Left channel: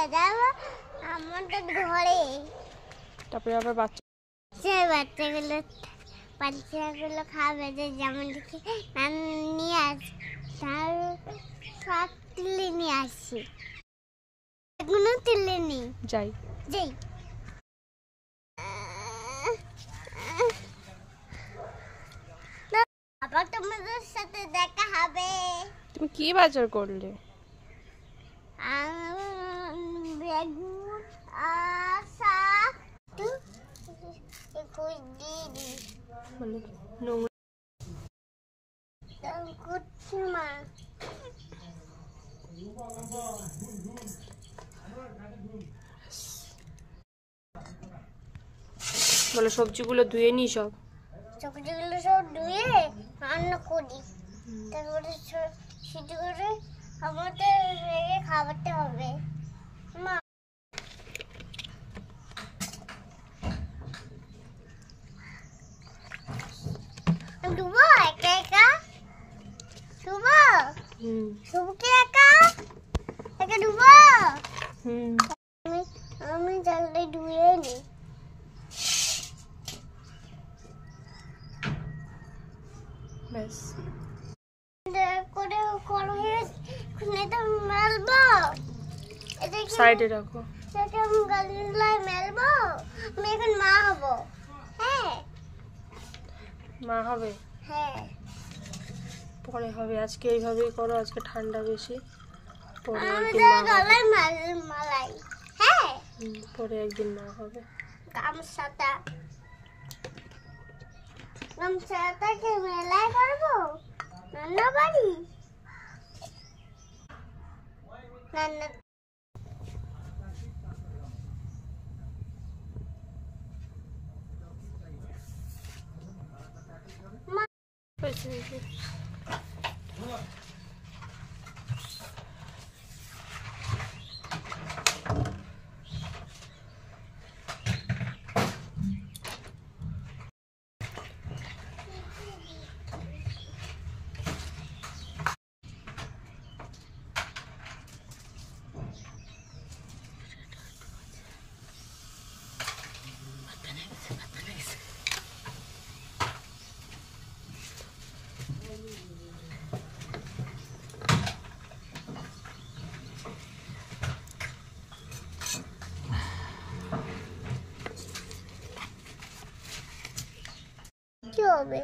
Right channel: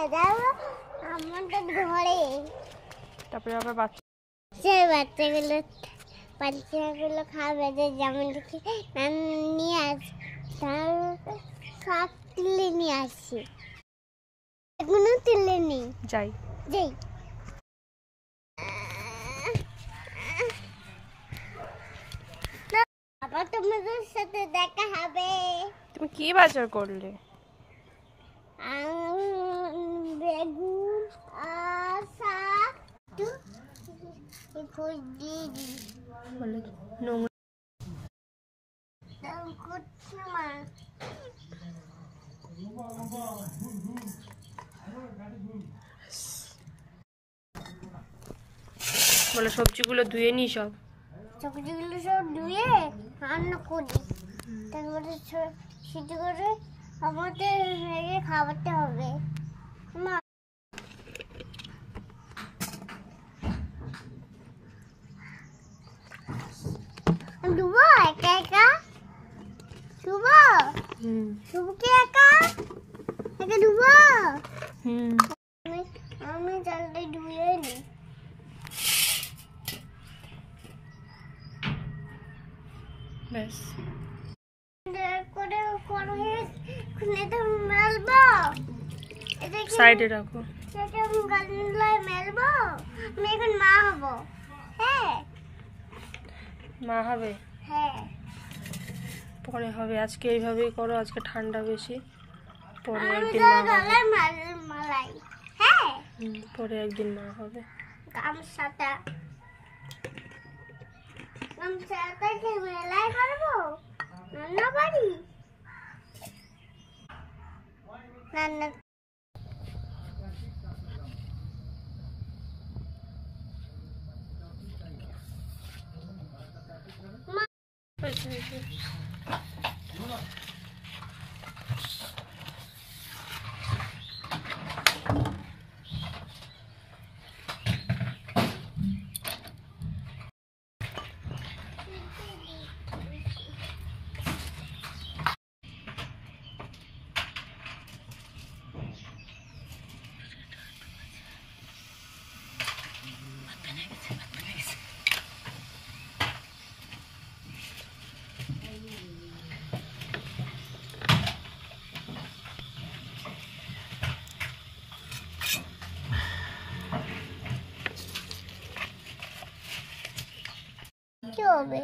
আমাদের ঘরে তারপরে আবার বাচ্চা সেই বাচ্চাগুলো খাবে যে যেমন দেখি নিয়ে আসি তার সব তুলে নিয়ে আসছি এগুলো তুলে নিই যাই যাই আবার তোমাদের সাথে দেখা হবে। তুমি কি বাজার করলে? বেগুন শাক করছি মা বলে সবজিগুলো ধুয়ে নি সব সবজিগুলো সব ধুয়ে রান্না করি তারপরে সিদ্ধ করে আমাদের খাওয়াতে হবে। মা ডুবো একা একা ডুবো ডুবুকে একা একা ডুবো আমি জলদি ধুয়ে নি ব্যাস করে মেলবো সাইডে রাখো মেলবো আমি এখন মা হবো। হ্যাঁ মা হবে হ্যাঁ পরে হবে আজকে এইভাবেই করো আজকে ঠান্ডা বেশি পরে একদিন মা হবে হ্যাঁ পরে একদিন মা হবে। গামছাটা কি মেলায় করবো রান্না বাড়ি রান্না কি হবে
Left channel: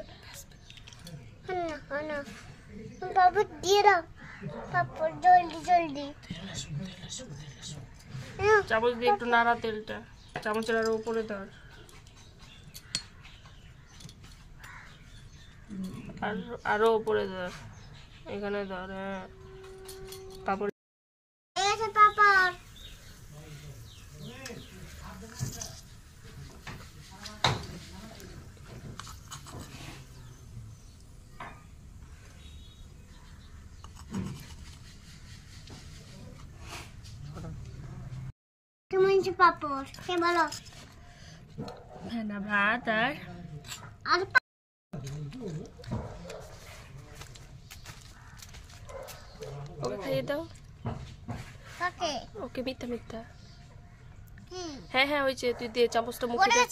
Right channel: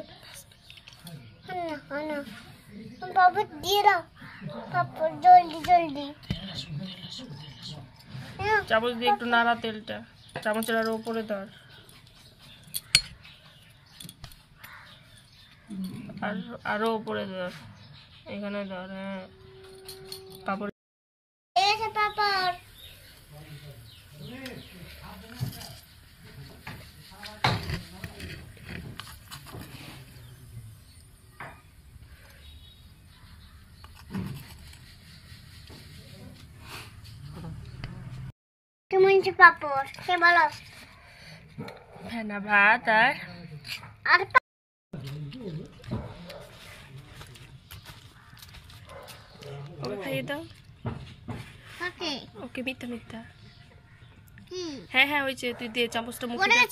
না বাবা দিয়ে দাও বাবা জলদি জলদি চামচ দিয়ে একটু নাড়া তেলটা চামচের আরো উপরে ধর আর আরো উপরে ধর এখানে ধর হ্যাঁ পাপড় এসে পাপড় পাপড় কে বলো হ্যাঁ না ভাত আর ওকে খাইয়ে দাও ওকে ওকে মিথ্যা মিথ্যা কি হ্যাঁ হ্যাঁ হয়েছে তুই দে চামচটা মুখে দে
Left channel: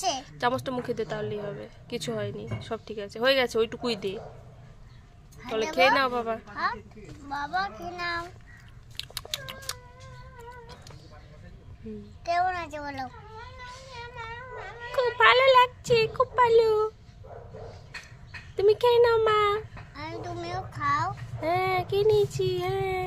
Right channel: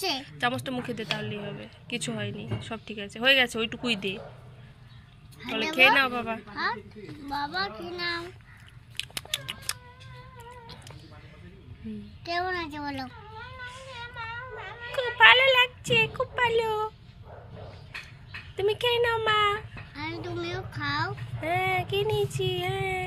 চামচটা মুখে দে তাহলেই হবে কিছু হয়নি সব ঠিক আছে হয়ে গেছে ওইটুকুই দে তাহলে খেয়ে নাও বাবা বাবা খেয়ে নাও কেমন আছে বলো খুব ভালো লাগছে খুব ভালো তুমি খেয়ে নাও মা আর তুমিও খাও হ্যাঁ খেয়ে নিয়েছি হ্যাঁ